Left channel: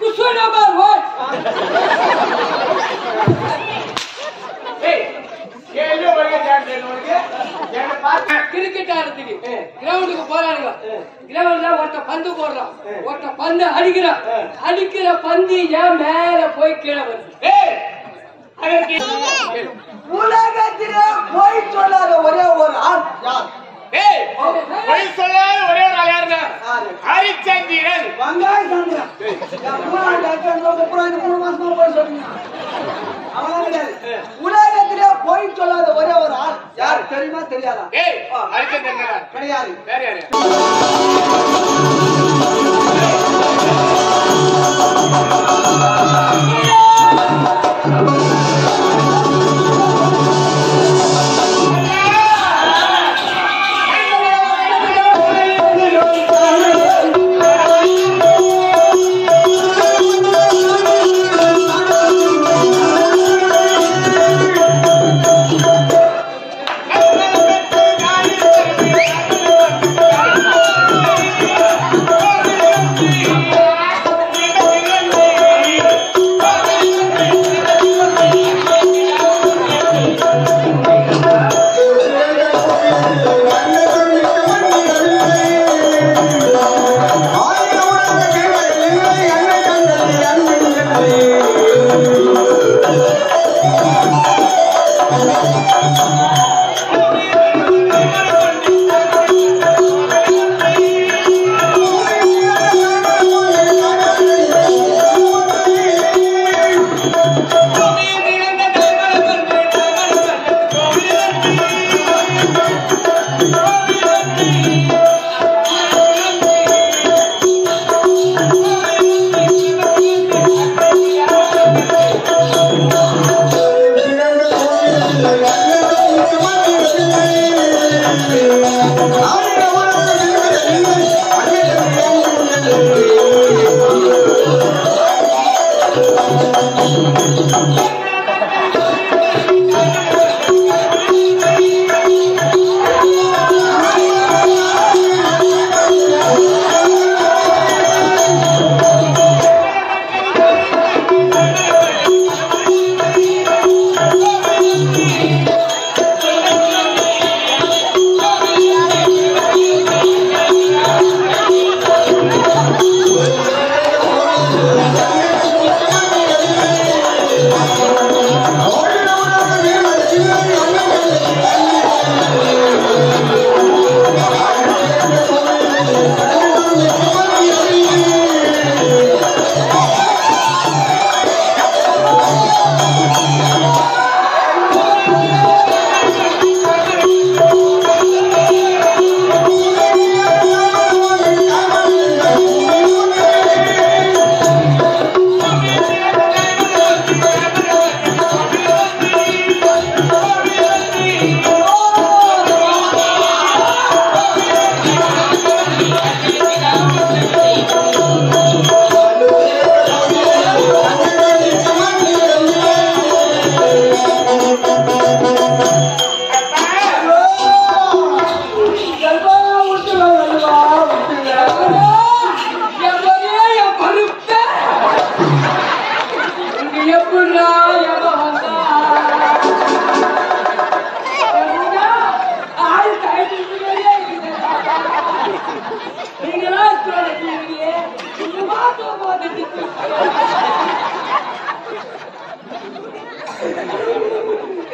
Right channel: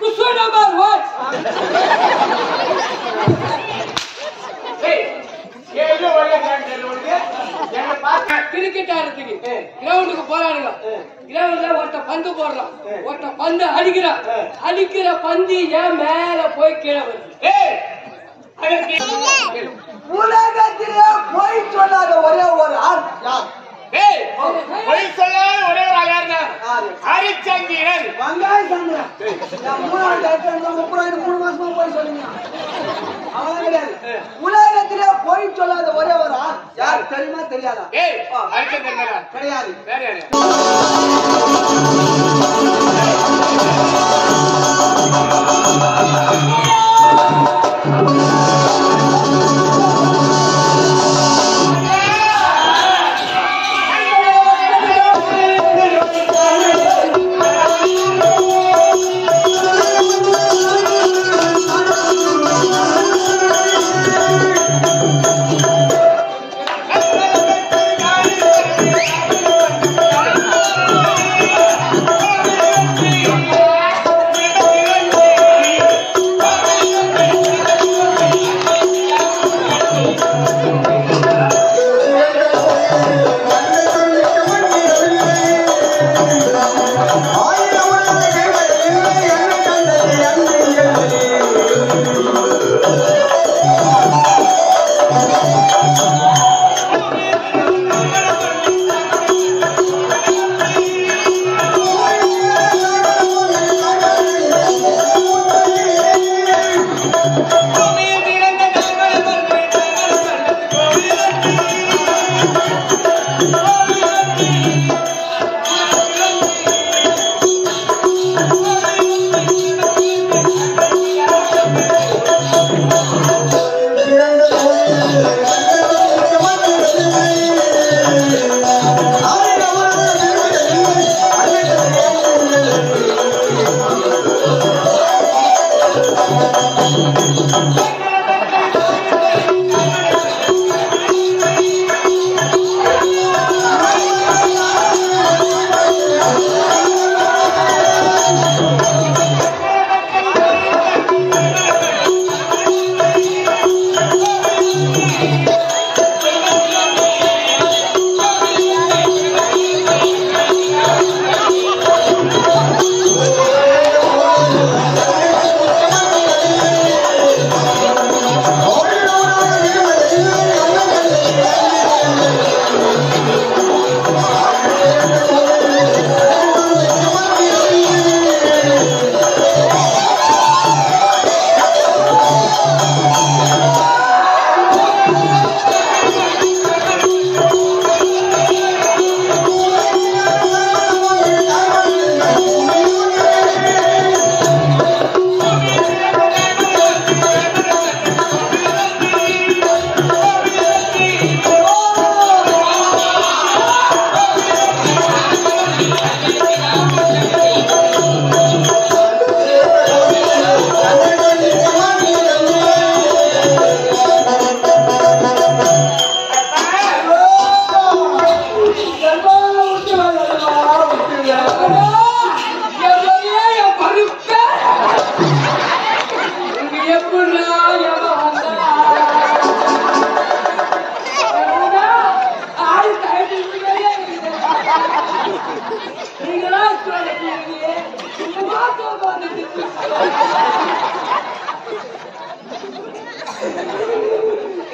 कुछ number what கேள்வி ஒரே கேட்டே உங்களுக்கு என்ன பாக்க கிரிக்கெட் ஆடுறதுக்கு கிரவுண்டுக்கு போறானுங்க கிரவுண்ட்ல ஒருத்த பந்து போடுறான் ஒருத்த பந்து அடிக்கிறான் அடிக்கிற பந்து ஏன் மேல போய் கீழே வருது உலகத்திலே போய் சொல்லாத ஒரே ஒரு ஆள் யார்? பொய் சொல்லாத ஒரே ஒரு ஆள் யாருன்னா ஹரிச்சந்திரன் வங்காய சந்திரன். 3 மாசமா போய் சொல்லுங்க. அவன் கிடையாது. உலகத்திலே போய் சொல்லாத ஒரே ஒரு ஆள் யார் தெரியுமா தெரியாதா? ஹரிச்சந்திரன் கிடையாது. வேற யாரு?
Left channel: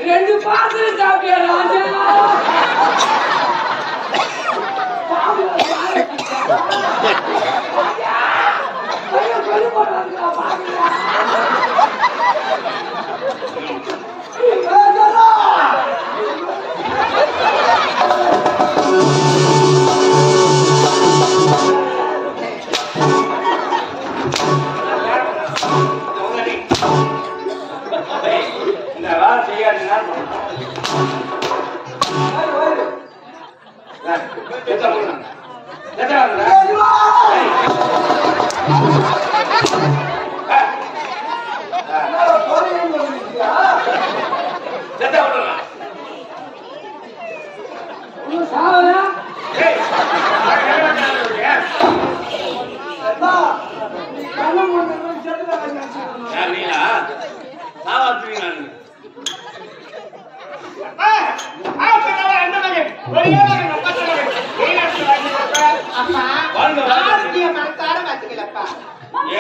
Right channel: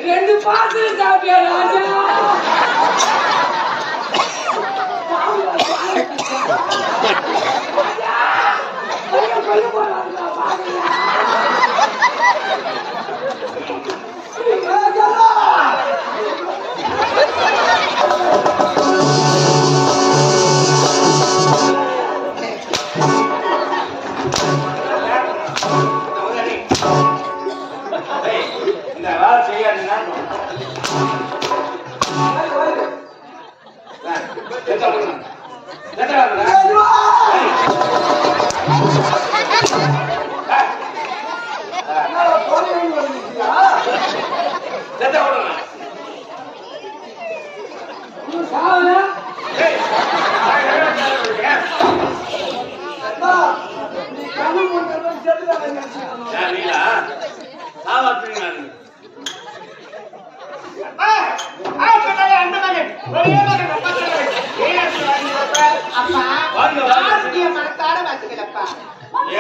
ரெண்டு பாட்டு சாப்பிட்டியா ராஜா? செத்துட்டாங்க நினைச்சுக்கணும். யார் நீங்களா? சாவாத்துறீங்களா நீங்க? அப்பா, அந்த மகன் ஒரே மகன் அப்பா சொன்னவன். நீங்க அப்படி வாங்கிக்கப்பா. அப்பா வாங்க, வாங்க. ஆரோக்கிய மனசார வாழ்த்துக்களப்பா.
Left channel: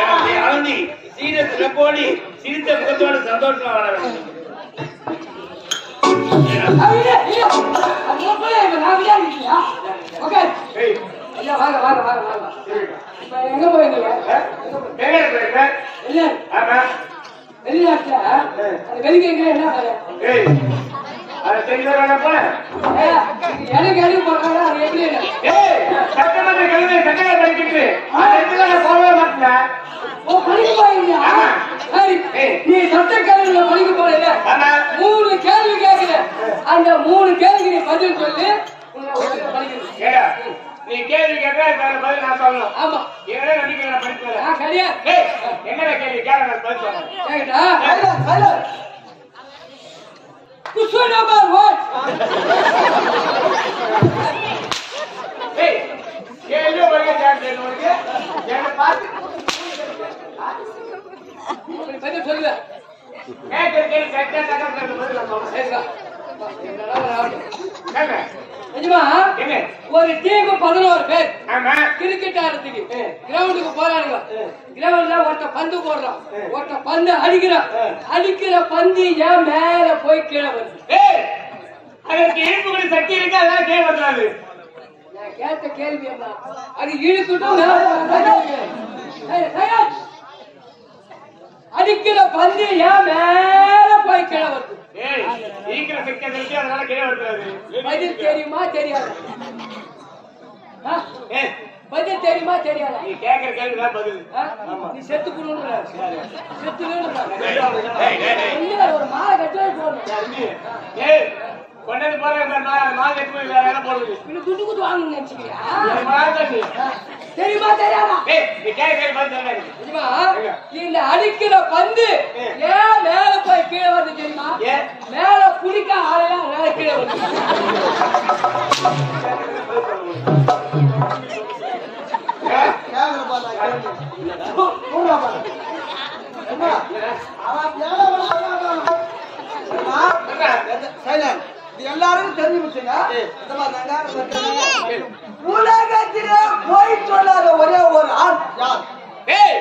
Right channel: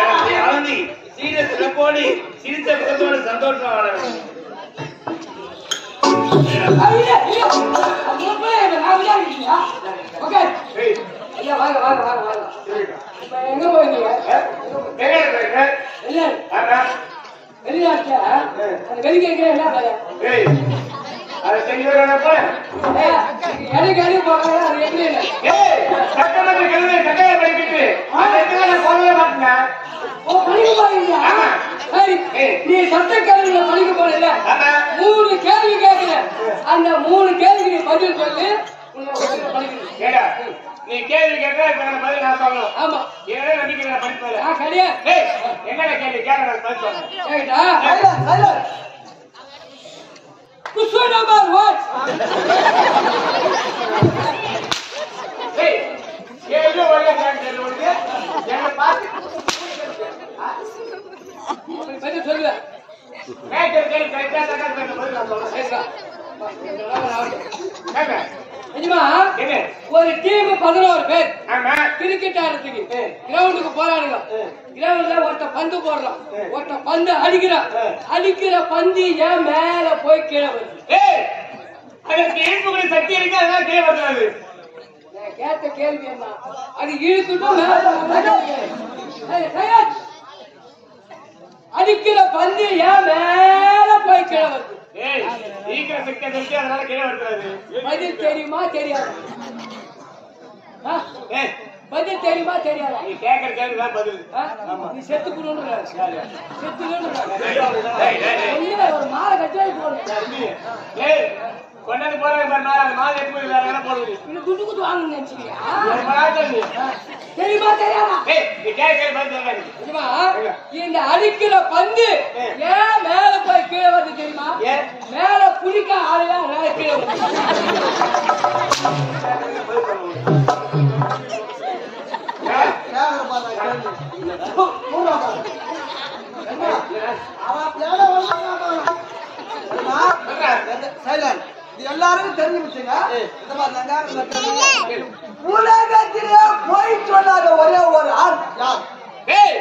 எனக்கு அழனி சீன சிறப்போடி சிரித்த முகத்தோடு சந்தோஷமா வாழ வேண்டும். ஏய், வாங்க வாங்க வாங்க வாங்க இப்ப எங்க போயிருந்தீங்க வெளிநாடு போயிருக்கேன். வெளிநாடு ஆமா. வெளிநாட்டுல அந்த வெளிநாட்டுல என்ன பையன் ஏய், அதை செஞ்சு வேணா போல. எனக்கு எது போறாங்க அது எப்படி இல்லை ஏய், சட்டமன்ற கல்வி சட்டம் படிக்கிட்டு அந்த இடத்துல நான் போகவே மாட்டேன். ஓ படிக்க போறீங்க ஆமா. சரி ஏய். நீ சட்ட கல்வியில படிக்க போறீங்க ஆமா. 3 கேள்வி கேட்கிறேன் அந்த 3 கேள்விக்கு நீ பதில் சொல்லு உன்னை படிக்கணும் ஏடா, நீ கேள்வி கேட்டா இதுக்கான பதில் நான் சொல்லணும். ஆமா என்னடா நம்பிக்கை நான் படிப்பேன். நான் கிடையாது ஏய், என்னடா கேள்வி கேட்க நான் பதில் சொல்றேன். கேட்டா சைலண்ட், சைலண்ட். question number 1 ஏய், கேள்வி ஒரே கேள்வி உனக்கு என்ன பார்த்து அப்படி பதில் சொல்லு கேட்கிற கேள்வி கரெக்டா கேட்கற பதில் நான் சொல்றேன். சரிடா கேட்க. நிஜமா என்ன? ஒரு டீம் 11 பேர் ஆமா. கிரிக்கெட் ஆடுறதுக்கு கிரவுண்டுக்கு போறானுங்க கிரவுண்ட்ல ஒருத்த பந்து போடுறான் ஒருத்த பந்து அடிக்கிறான் அடிக்கிற பந்து ஏன் மேல போய் கீழே வருது ஏய், அதற்கு ஈர்ப்புகளின் சக்தி இருக்கு, அதனால கீழே வந்துடாது. நான் கேட்ட கேள்வி என்ன அது இழுத்துட்டும் அடிக்கிற பந்து ஏன் மேல போய் கீழே வருது ஏய், ஈர்க்கிற சக்தி அது இருக்கு, அதனால கீழே வந்துடாது. பதில் தெரியுமா தெரியாதா ஆ? ஏய், பதில் தெரியுமா தெரியாதா நீ கேட்கிற கேள்வி தான் பதில். ஆ? நீ செத்து போடுற ஏய், ஏய், ஏய். ஒரு மாலை கட்டி போடுறேன் யார் நீ? ஏய், கொண்டாந்து போறாங்க பாரு, நான் அந்த மாதிரி எடுத்து போய் வேற யாரும் போடுவது. இன்னும் குட்டு குட்டு வாங்கணும்னு நினைச்சியா என் மகன் தான் நீ. தெரியுமா தெரியாதா ஏய், நீ கேட்கிற கேள்வி பதில் சொல்ல நீ. தெரியுமா இந்த அடிக்கிற பந்து ஏன் மேல போய் கீழே வருது தெரியுமா ஏன்? மேல புடிக்க ஆளையா மேல கீழே வருது பதில் சொல்ல முடியும். ஏய், கேமரா பார்த்தா கேள்வி. அவன் தேட வந்தான். சைலண்ட். இது எல்லாருக்கும் தெரிஞ்சு வச்சுங்க. இந்த மாதிரி நாங்க உலகத்திலே போய் சொல்லாத ஒரே ஒரு ஆள் யார்? ஏய்,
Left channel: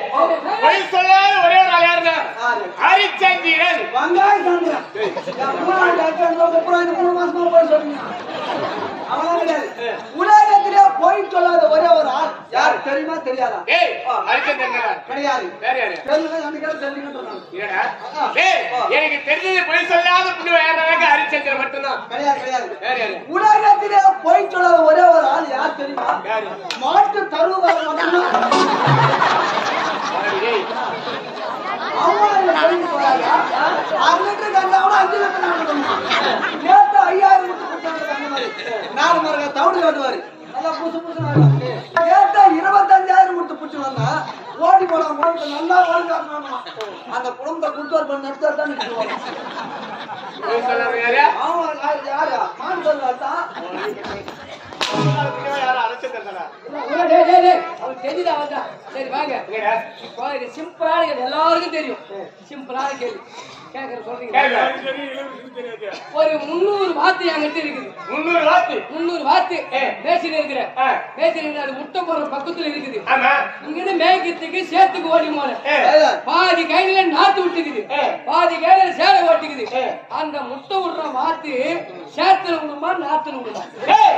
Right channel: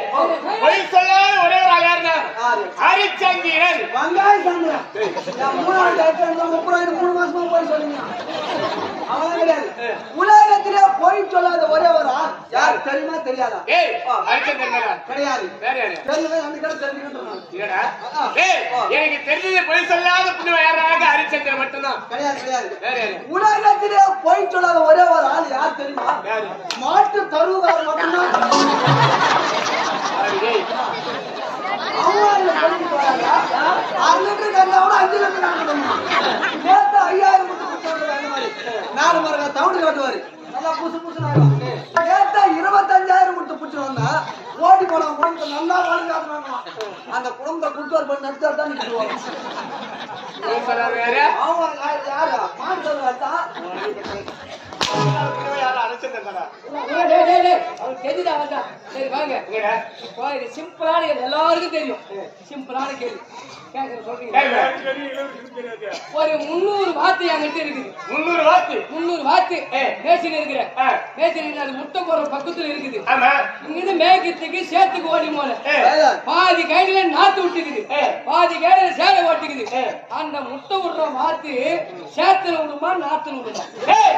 பொய் சொல்லாத ஒரே ஒரு ஆள் யாருன்னா? யாரு? ஹரிச்சந்திரன். வெங்காய சந்திரன். என் 3 டைம் 3 மாசமா போய் சொல்லுங்க. அவன் கிடையாது. உலகத்திலே போய் சொல்லாத ஒரே ஒரு ஆள் யார் தெரியுமா தெரியாதா? ஏய், ஹரிச்சந்திரன் கிடையாது. வேற யாரு? தெரியுமா எனக்கு தெரிஞ்சுக்கிட்டு இல்லடா. ஏய், எனக்கு தெரிஞ்சது பொய் சொல்லாத புண்ணிய யாராக ஹரிச்சந்திரன் மட்டும்தான். கிடையாது கிடையாது. வேற யாரு? உலகத்திலே போய் சொல்லாத ஒரே ஒரு ஆள் யார் தெரியுமா? யாரு? மாட்டு தருவார் மட்டும்தான். யாரு? ஏய், அவங்க போயிட்டு வராங்க. 6 லிட்டர் கண்டா கூட 5 லிட்டர் நடக்கணுமா? நேத்து 5000 முட்டை குடிச்சாங்க அந்த மாதிரி. 4 மரங்க தவிடு காட்டுவாரு. நல்லா புசு புசுன்னு ஆயிடும். நேத்து 25000 முட்டை புடிச்சு வந்தா ஓடி போன குடும்பத்தை நல்லா வளர்க்காம அந்த குடும்பத்தை குடுத்தார் பண்ணி நடுத்தார் தான் நிற்க வரும். பொய் சொல்லாத யாரு? அவங்க யாரு? மாட்டு தருவார் தான். புண்ணிய யாரு? ஹரிச்சந்திரன் தானா? அவன் தெரியுதா அவன்தான் சரி வாங்க இல்லடா. இப்போ இது சிம்பிளான கேள்வி எல்லாருக்கும் தெரியும் சிம்பிளான கேள்வி கேட்கற சொல்றீங்க கேளு. ஒரு 300 வாத்து என்கிட்ட இருக்குது 300 வாத்து. 300 வாத்து மேய்ச்சிட்டு இருக்கிறேன் ஆ. மேய்ச்சிட்டு அது முட்டை போடுற பக்கத்துல இருக்குது ஆமா. இங்கிருந்து மேய்க்கிறதுக்கு சேத்துக்கு ஓடி போல ஏய், பாதி கையில நாத்து விட்டுக்குது பாதி கையில சேலை ஓட்டிக்குது ஏய். அந்த முட்டை விடுற வாத்து சேத்துல விடுமா நாத்துல விடுமா ஏய்,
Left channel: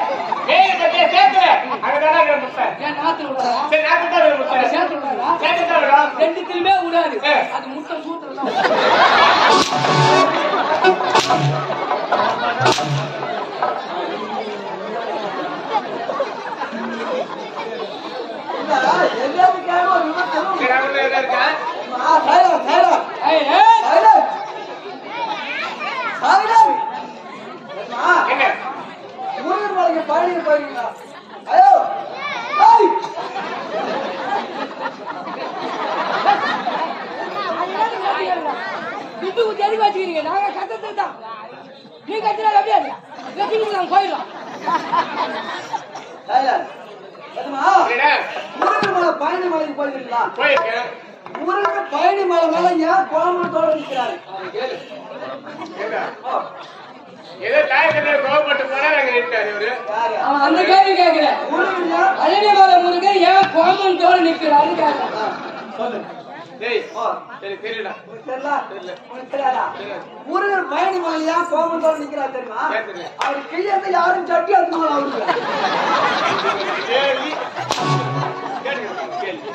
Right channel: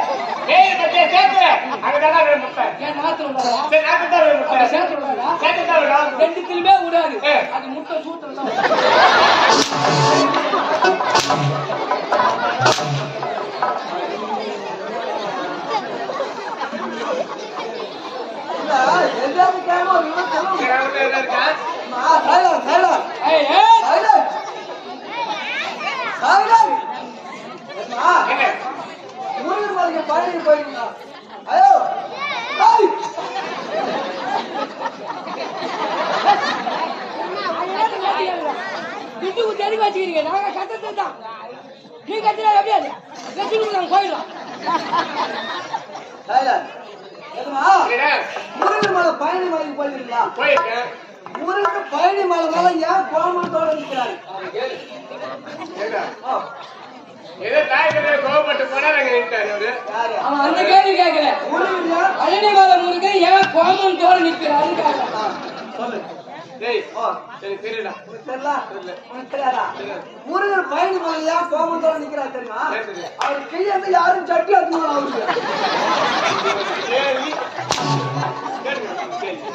ஏய், பச்சை சேத்துல. அங்கதானா வேணும் முட்டை. ஏன் நாத்துல விடாதா சரி, நாக்கு தான் வேணும் முட்டை. சேத்துல விடாதா சேத்துல தான் வேணும். ரெண்டுத்திலுமே விடாது ஏய். அது முட்டை சூட்டுறதா இல்ல, எதாவது கேட்க ஒரு விமர்சனம். இங்க ரவுண்ட்ல எதா இருக்கா? Silent, silent. ஏய், ஏய். சைலண்ட். சைலண்ட். என்னம்மா? என்ன? முருகன் மலைக்கு பழனிக்கு போயிருக்கீங்களா? ஐயோ ஏய்! துட்டு தெளிவா வச்சுக்கிறீங்க நாங்க கத்தத்தை தான் நீ கத்தினா எப்படியாது நாங்க போயிடலாம் சைலண்ட். என்னம்மா? இல்லடா. முருகன் மலை பழனி மலைக்கு போயிருக்கீங்களா? போயிருக்கேன். முருகன் பழனி மலை மேல ஏன் கோமத்தோட நிக்கிறாரு? ஏடா, ஏதோ தாய் கதை கோவப்பட்டு போனா நாங்க நின்ட்டாரு இவரு. யாரு? அவன் அந்த கேள்வி கேட்கல. முருகன் யார்? பழனி மலை முருகன் ஏன் கோமன் தோடு நிற்கிறாருன்னு கேட்கறான். சொல்லு. டேய், எனக்கு தெரியல. உனக்கு தெரியல? தெரியல. உனக்கு தெரியாதா? தெரியாது. முருகன் பழனி மலையில ஏன் கோமத்தோட நிக்கிறாரு தெரியுமா? ஏன் தெரியும்? அவர் கையில யாரும் சட்டி அதுமால அவருக்கு கேள்வி கேளுங்க, கேள்வி